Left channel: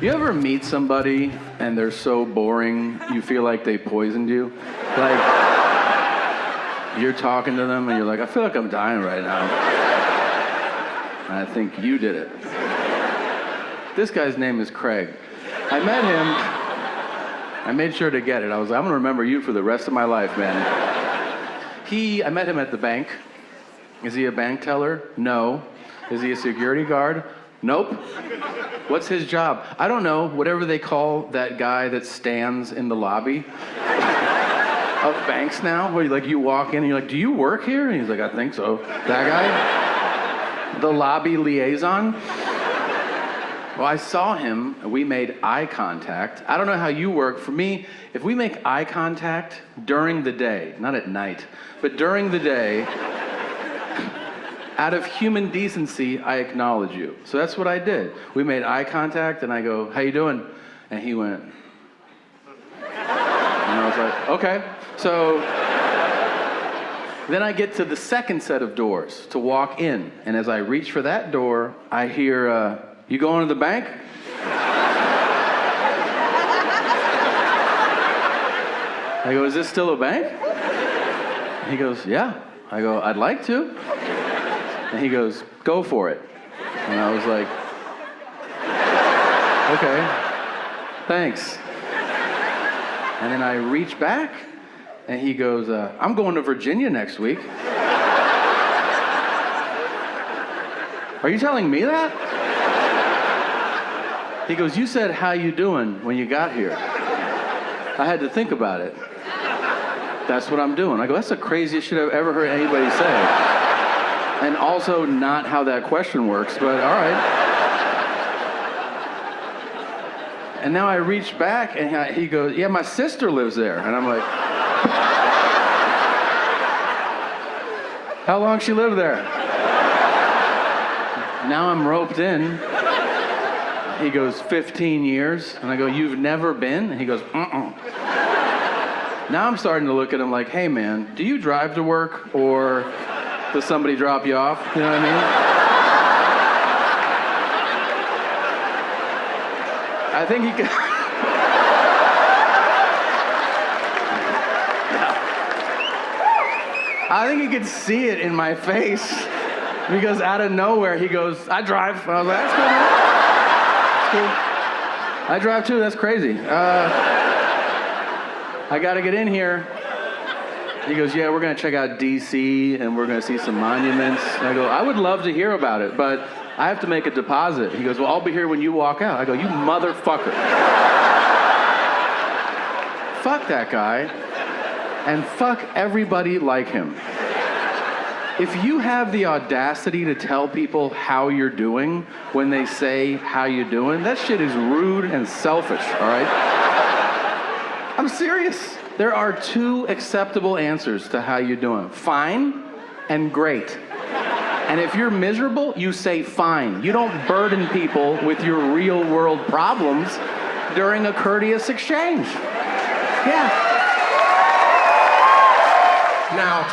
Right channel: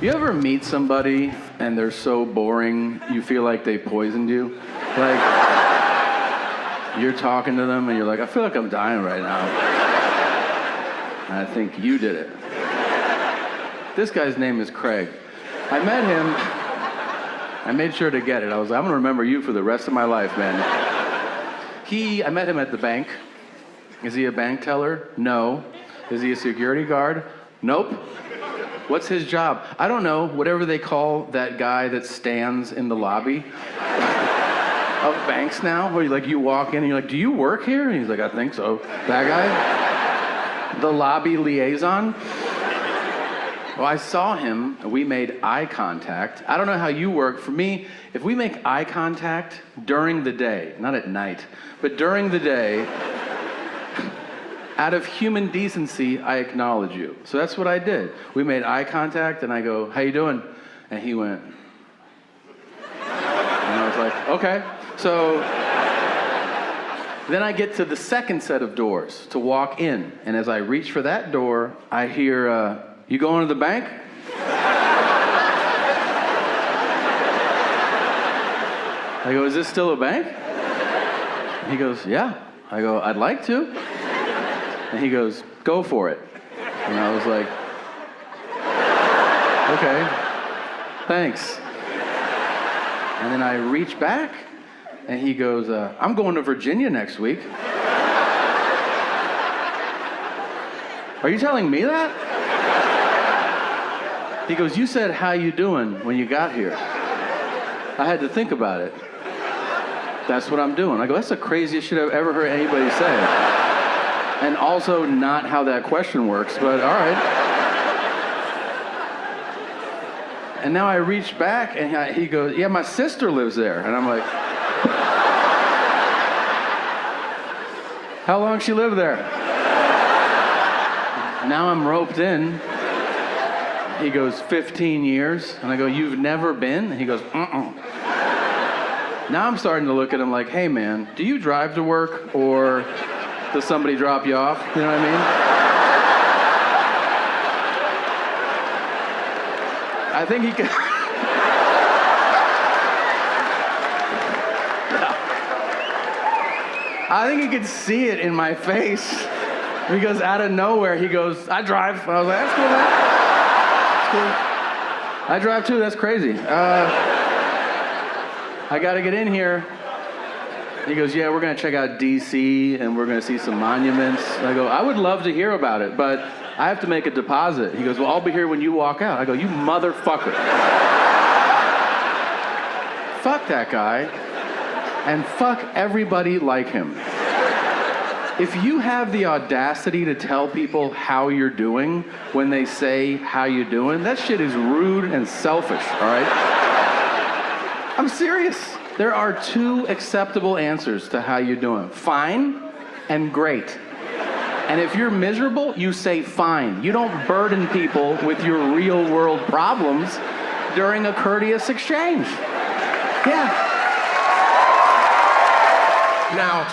You ever meet somebody and they're so boring, you feel like they poisoned you? Like, you're talking to them and you're like, I feel like I'm dying right now. And I think you did it. This guy's name is Craig. I met him, I made sure to get it. I was like, I'm gonna remember you for the rest of my life, man. I met him at the bank. Is he a bank teller? No. Is he a security guard? Nope. What's his job? I don't know. Whatever they call that guy that stands in the lobby of banks now, where you walk in and you're like, do you work here? And he's like, I think so. That guy? The lobby liaison? Well, I saw him, and we made eye contact. I don't know how you work. For me, if we make eye contact during the day, not at night, but during the day, out of human decency, I acknowledge you. So that's what I did. We made eye contact, and I go, how you doing? And he went, and I was like, okay. So then I get to the second set of doors to walk in, and as I reach for that door, I hear, you going to the bank? I go, is this still a bank? He goes, yeah. I go, I'd like to. And he goes, go for it. And I was like, okay, thanks. And then I reach back, and he goes, I'm going to Virginia next week. Are you telling me that? He goes, you said, how you doing when you got here? I had to think about it. That's what I'm doing. I go, that's the craziest shit I've ever heard anybody say. And also not how that question works, but all right. And now I reach back, and he goes, yeah, my sister lives there. And I'm like, how long she lived there? Now I'm roped in. He goes, 15 years. And I go, you've never been? And he goes, Now I'm starting to look at him like, hey man, do you drive to work or does somebody drop you off? You know what I mean? I think he could. Yeah. I think he could see it in my face because out of nowhere he goes, I drive. And I was like, that's cool, man. That's cool. I drive too, that's crazy. I gotta get in here. He goes, yeah, we're gonna check out DC and we're gonna see some monuments. And I go, I would love to hear about it, but I have to make a deposit. He goes, well, I'll be here when you walk out. I go, you motherfucker. Fuck that guy, and fuck everybody like him. If you have the audacity to tell people how you're doing when they say how you doing, that shit is rude and selfish, all right? I'm serious. There are two acceptable answers to how you're doing. Fine and great. And if you're miserable, you say fine. You don't burden people with your real world problems during a courteous exchange. Yeah. Now,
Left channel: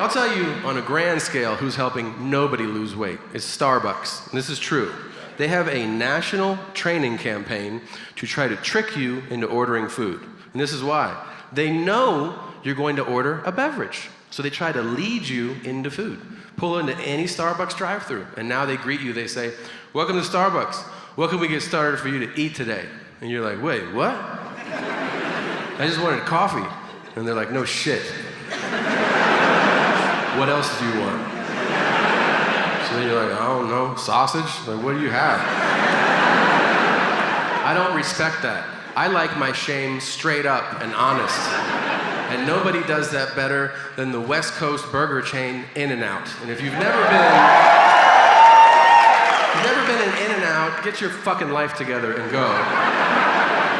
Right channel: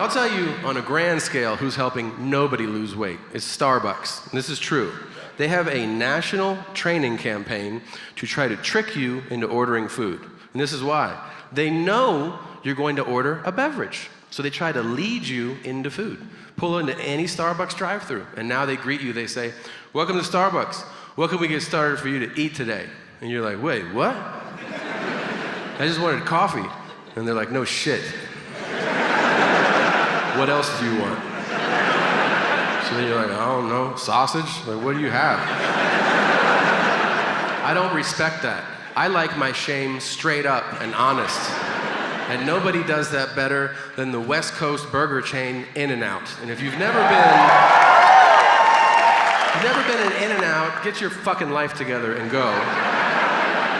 I'll tell you on a grand scale who's helping nobody lose weight. It's Starbucks. And this is true. They have a national training campaign to try to trick you into ordering food. And this is why. They know you're going to order a beverage. So they try to lead you into food. Pull into any Starbucks drive-thru, and now they greet you. They say, welcome to Starbucks. What can we get started for you to eat today? And you're like, wait, what? I just wanted coffee. And they're like, no shit. What else do you want? So then you're like, I don't know, sausage? Like, what do you have? I don't respect that. I like my shame straight up and honest. And nobody does that better than the West Coast burger chain In-N-Out. And if you've never been in In-N-Out, get your fucking life together and go.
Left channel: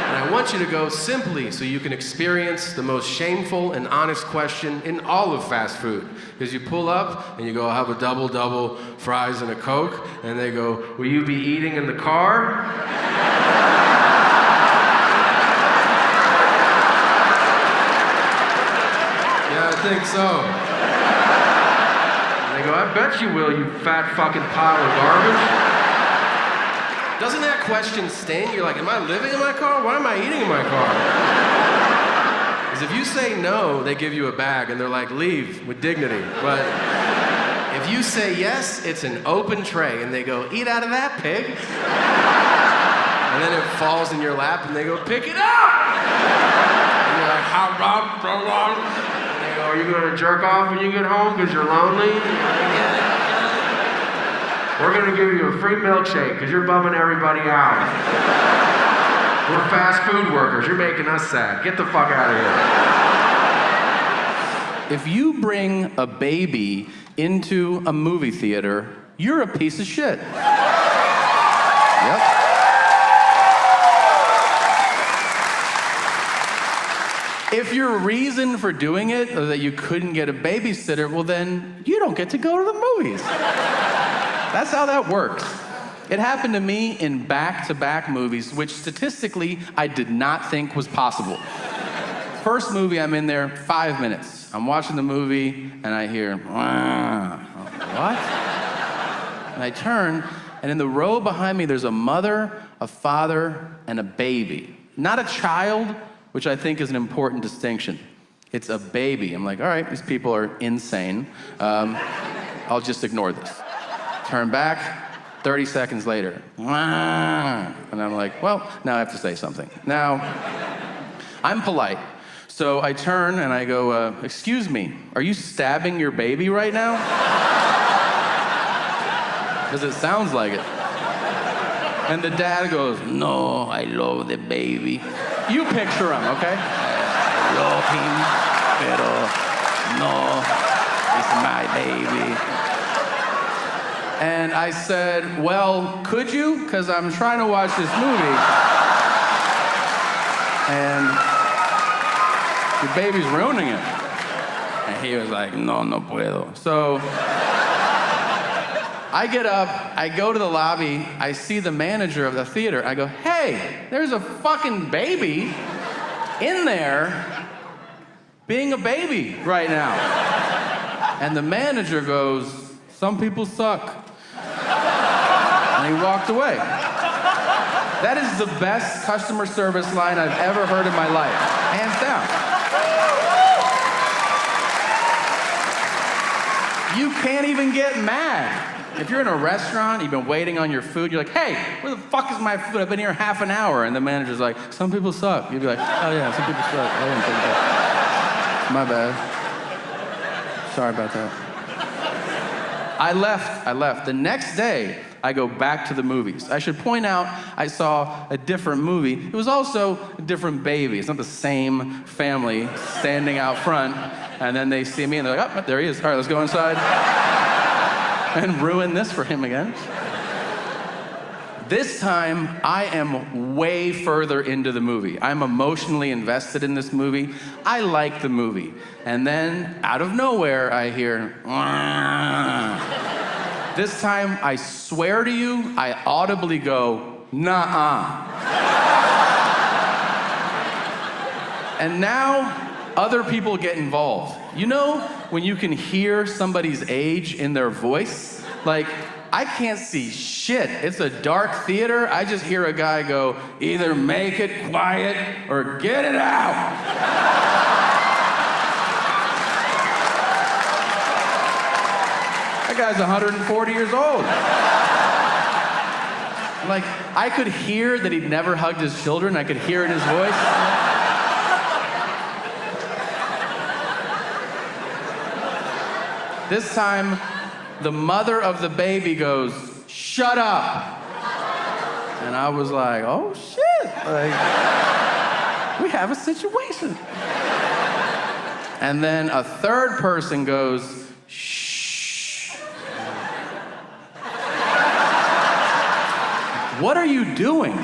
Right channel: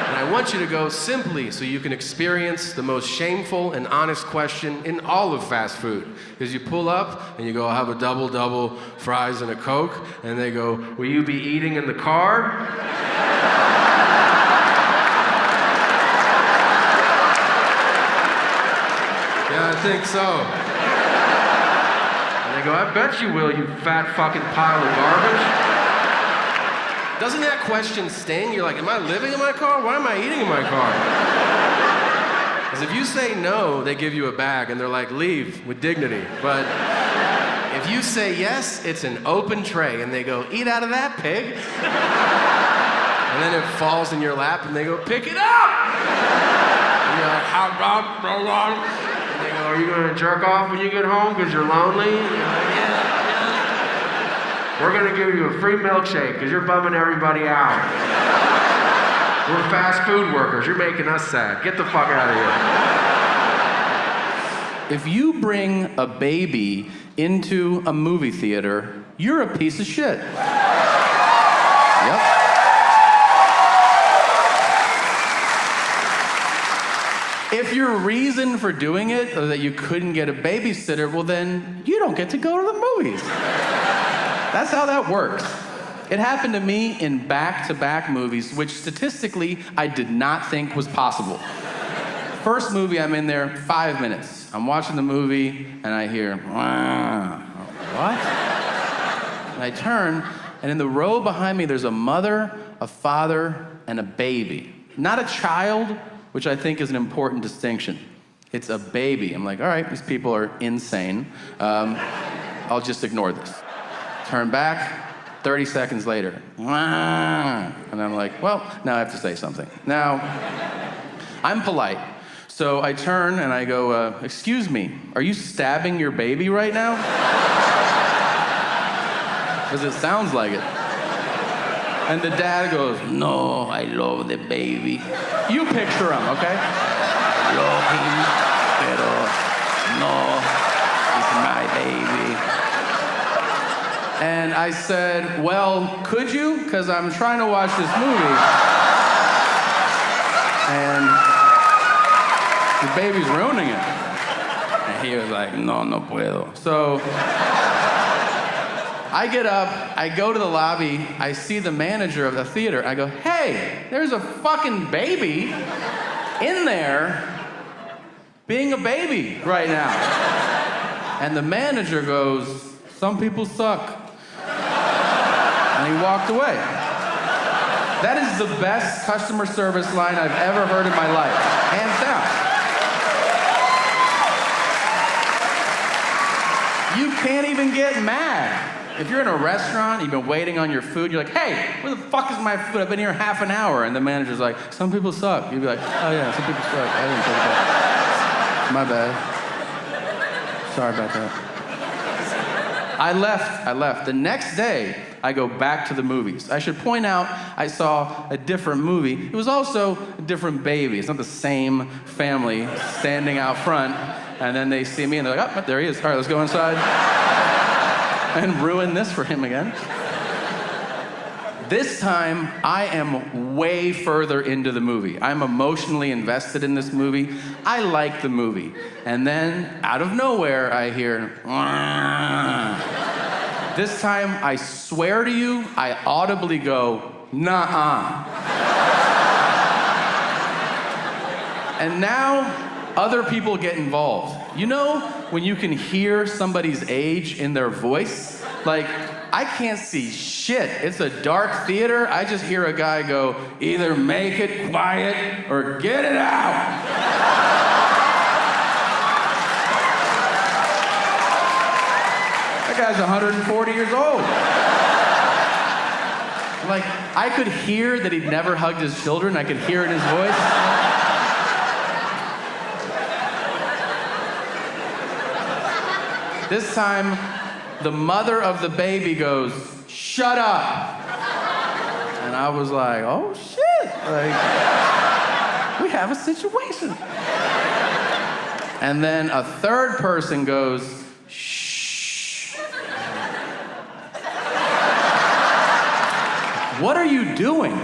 And I want you to go simply so you can experience the most shameful and honest question in all of fast food. Because you pull up and you go, I'll have a double, fries and a Coke. And they go, will you be eating in the car? Yeah, I think so. And they go, I bet you will, you fat fucking pile of garbage. Doesn't that question sting? You're like, am I living in my car? Why am I eating in my car? Because if you say no, they give you a bag and they're like, leave with dignity. But if you say yes, it's an open tray and they go, eat out of that, pig. And then it falls in your lap and they go, pick it up. And you're like, how long, so long? And they go, are you gonna jerk off when you get home because you're lonely? And you're like, yeah. We're gonna give you a free milkshake because you're bumming everybody out. We're fast food workers, you're making us sad. Get the fuck out of here. If you bring a baby into a movie theater, you're a piece of shit. Yep. If your reason for doing it is that you couldn't get a babysitter, well then you don't get to go to the movies. That's how that works. It happened to me in back-to-back movies, which statistically I did not think was possible. First movie, I'm in there 5 minutes. I'm watching the movie and I hear, what? And I turn, and in the row behind me, there's a mother, a father, and a baby. Not a child, which I think is an important distinction. It's a baby. I'm like, all right, these people are insane. I'll just ignore this. Turn back, 30 seconds later. And I'm like, well, now I have to say something. Now, I'm polite. So I turn and I go, excuse me, are you stabbing your baby right now? Because it sounds like it. And the dad goes, no, I love the baby. You picture him, okay? I love him, pero no, he's my baby. And I said, well, could you? Because I'm trying to watch this movie. And your baby's ruining it. And he was like, no, no puedo. So I get up, I go to the lobby, I see the manager of the theater. I go, hey, there's a fucking baby in there being a baby right now. And the manager goes, some people suck. And he walked away. That is the best customer service line I've ever heard in my life, hands down. You can't even get mad. If you're in a restaurant, you've been waiting on your food, you're like, hey, where the fuck is my food? I've been here half an hour. And the manager's like, some people suck. You'd be like, oh yeah, some people suck. I didn't think of that. My bad. Sorry about that. I left. The next day, I go back to the movies. I should point out, I saw a different movie. It was also a different baby. It's not the same family standing out front, and then they see me and they're like, oh, there he is. All right, let's go inside and ruin this for him again. This time, I am way further into the movie. I'm emotionally invested in this movie. I like the movie. And then, out of nowhere, I hear, This time, I swear to you, I audibly go, nah-uh. And now, other people get involved. You know when you can hear somebody's age in their voice? Like, I can't see shit. It's a dark theater. I just hear a guy go, either make it quiet or get it out. That guy's 140 years old. Like, I could hear that he'd never hugged his children. I could hear it in his voice. This time, the mother of the baby goes, shut up. And I was like, oh shit. Like, we have a situation. And then a third person goes, shh. What are you doing?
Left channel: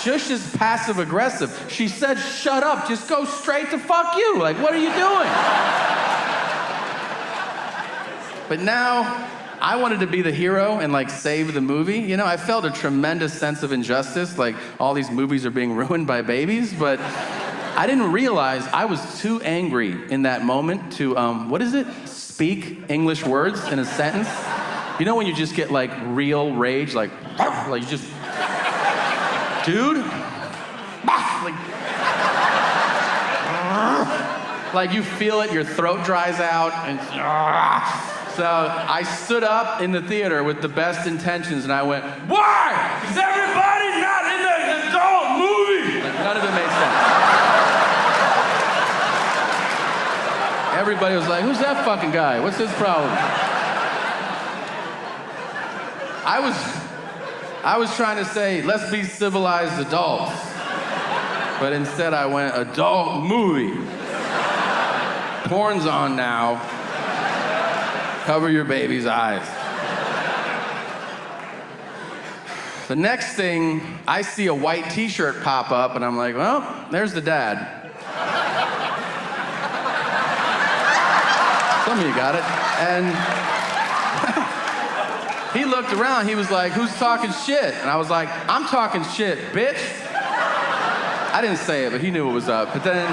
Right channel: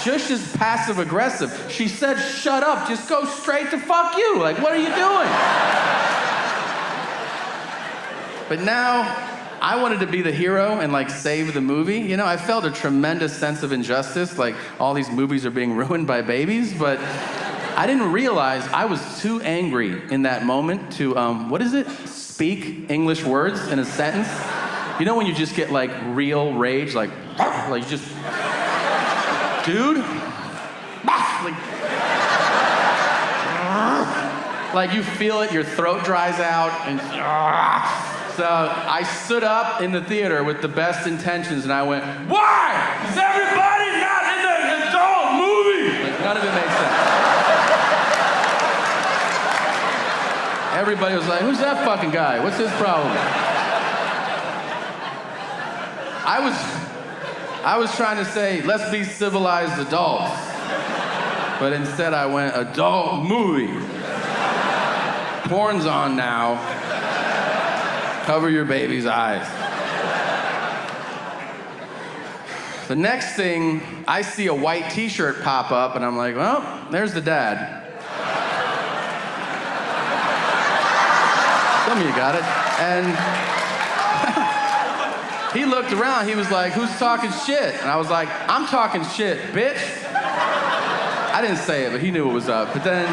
Shush is passive aggressive. She said, shut up, just go straight to fuck you. Like, what are you doing? But now, I wanted to be the hero and like save the movie. You know, I felt a tremendous sense of injustice, like all these movies are being ruined by babies, but I didn't realize I was too angry in that moment to, speak English words in a sentence. You know when you just get like real rage, like, like you just, dude, like you feel it, your throat dries out, and so I stood up in the theater with the best intentions, and I went, why? Is everybody not in the adult movie? Like none of it made sense. Everybody was like, who's that fucking guy? What's his problem? I was trying to say, let's be civilized adults. But instead I went, adult movie. Porn's on now. Cover your baby's eyes. The next thing, I see a white t-shirt pop up and I'm like, well, there's the dad. Some of you got it. And he looked around, he was like, who's talking shit? And I was like, I'm talking shit, bitch. I didn't say it, but he knew what was up. But then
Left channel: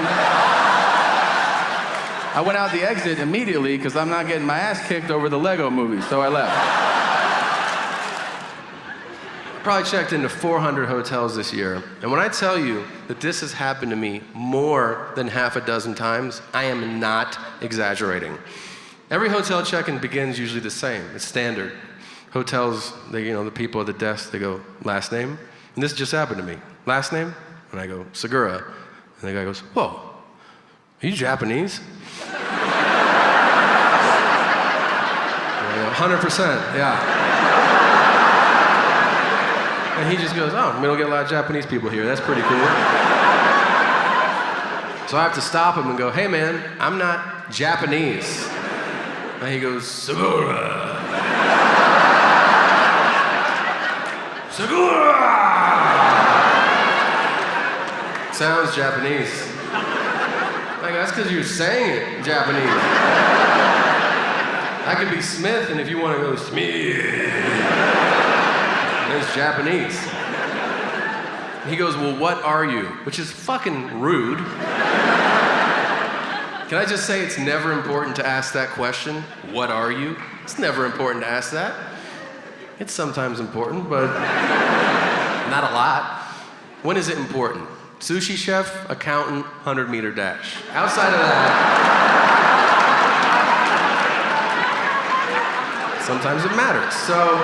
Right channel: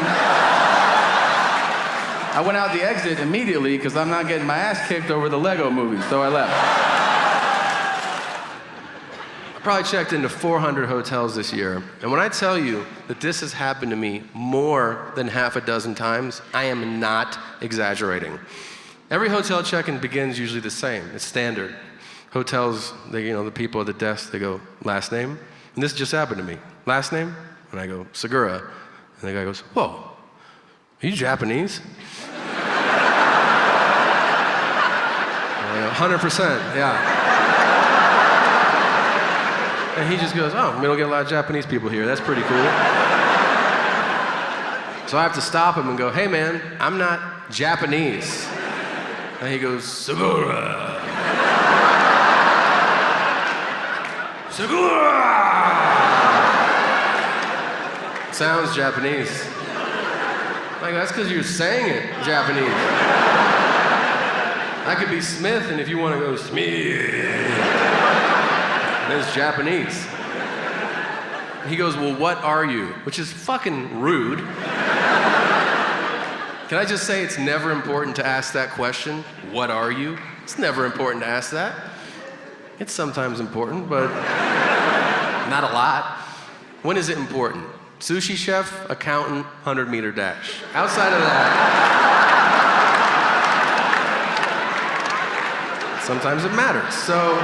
I went out the exit immediately because I'm not getting my ass kicked over the Lego movie, so I left. I probably checked into 400 hotels this year, and when I tell you that this has happened to me more than half a dozen times, I am not exaggerating. Every hotel check-in begins usually the same. It's standard. Hotels, the people at the desk, they go, last name? And this just happened to me. Last name? And I go, Segura. And the guy goes, whoa, are you Japanese? And I go, 100%, yeah. And he just goes, oh, we don't get a lot of Japanese people here. That's pretty cool. So I have to stop him and go, hey man, I'm not Japanese. And he goes, Segura. Segura! Sounds Japanese. I go, that's because you're saying it Japanese. I could be Smith, and if you want to go Smith, it's Japanese. He goes, well, what are you? Which is fucking rude. Can I just say it's never important to ask that question? What are you? It's never important to ask that. It's sometimes important, but not a lot. When is it important? Sushi chef, accountant, 100-meter dash. Outside of that, sometimes it matters. So